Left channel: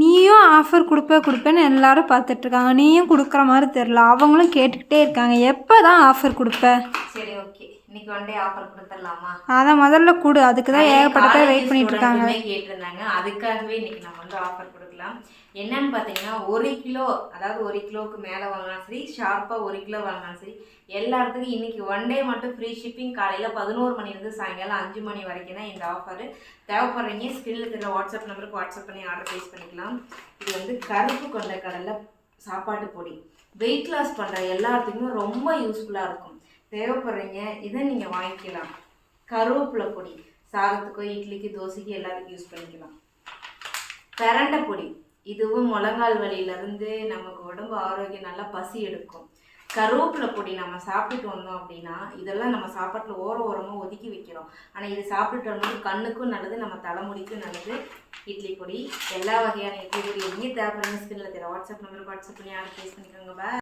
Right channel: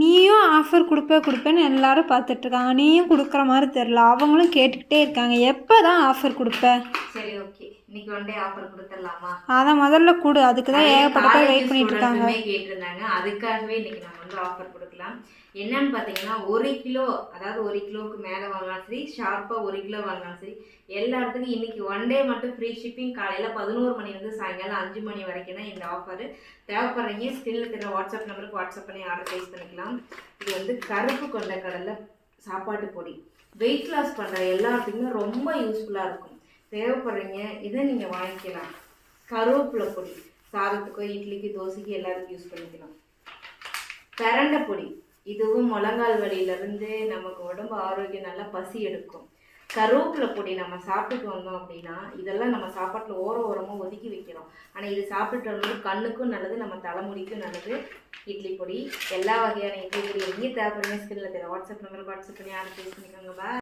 நீயும் ஆஃபர் கொடுப்பேன்னு எல்லாரும் பார்த்துட்ருக்காங்க. நீயும் கொடுக்குற மாதிரி தெரில. அவங்களும் கேட்டுக்கிட்டே இருக்காங்க, எப்போ தான் ஆஃபர் கொடுப்ப? சரி, ஓகே, இன்னைக்கு ஒன் டே ஆஃபர் கொடுத்துடலாமா? அதை முதல்ல கொடு. அதுக்கு தான் ஏகப்பட்ட பேர் வெயிட் பண்ணிட்டு இருக்காங்க. கேட்டிருந்தாங்க, அதுக்காகவே இன்னைக்கு நம்ம வந்து ஆஃபர் கொடுக்கலாம். என்னன்னு பார்த்தீங்கன்னா 1 கிலோ, அதாவது 1 கிலோவுக்கு மேலே வாங்கினாலும் சரி, ஷார்ப்பாக 1 கிலோ வாங்கினாலும் சரி, எல்லா இடத்துக்கும் இன்னைக்கு ஒன் டே மட்டும் ஃப்ரீ ஷிப்பிங். காலையில் 11 மணிலேருந்து சாயங்காலம் 5 மணி வரைக்கும் தான் இந்த ஆஃபரு. தேவைப்படுறீங்க ஸ்கிரீனில் இருக்கிற வாட்ஸ்அப் நம்பருக்கு வாட்ஸ்அப் பண்ணி ஆர்டர் ப்ளேஸ் பண்ணிக்கலாம். இது வந்து கருப்பு கொண்ட கடலை சாப்பாட்டு பொடி. வெயிட் லாஸ் பண்ணுற எல்லாத்துக்குமே ரொம்ப யூஸ்ஃபுல்லாக இருக்கும். தேவைப்படுறீங்க இதை நீங்கள் வாங்கிக்கலாம். கருவேப்பிலை பொடி சாதத்துக்கோ இட்லிக்கு தோசைக்கு எல்லாத்துக்கும் யூஸ் பண்ணிக்கலாம். பிரண்டை பொடி, இதுவும் முழங்கால் வலியிலேருந்து நமக்கு உடம்பு ஆரோக்கியம், நல்லா பசி எடுக்கும். கருவேப்பிலை பொடி நம்ம சாப்பிட்டுட்டு வந்தோம் அப்படின்னா, இதெல்லாம் நம்ம சாப்பாட்டில் ஓரமாக ஒதுக்கி வைக்கிறோம். ஆனால் இது சாப்பிட்டுட்டு வரும்போது கண்ணுக்கும் நல்லது, நம்ம தலைமுடிக்கும் நல்லது. இட்லி பொடி, எல்லா வகையான இட்லி பொடி எங்கேயும் தேவைப்படுறீங்க ஸ்கிரீனில் தெரிய வாட்ஸ்அப் நம்பருக்கு வாட்ஸ்அப் பண்ணி ஆர்டர் ப்ளேஸ் பண்ணிக்கோங்க. பாய்.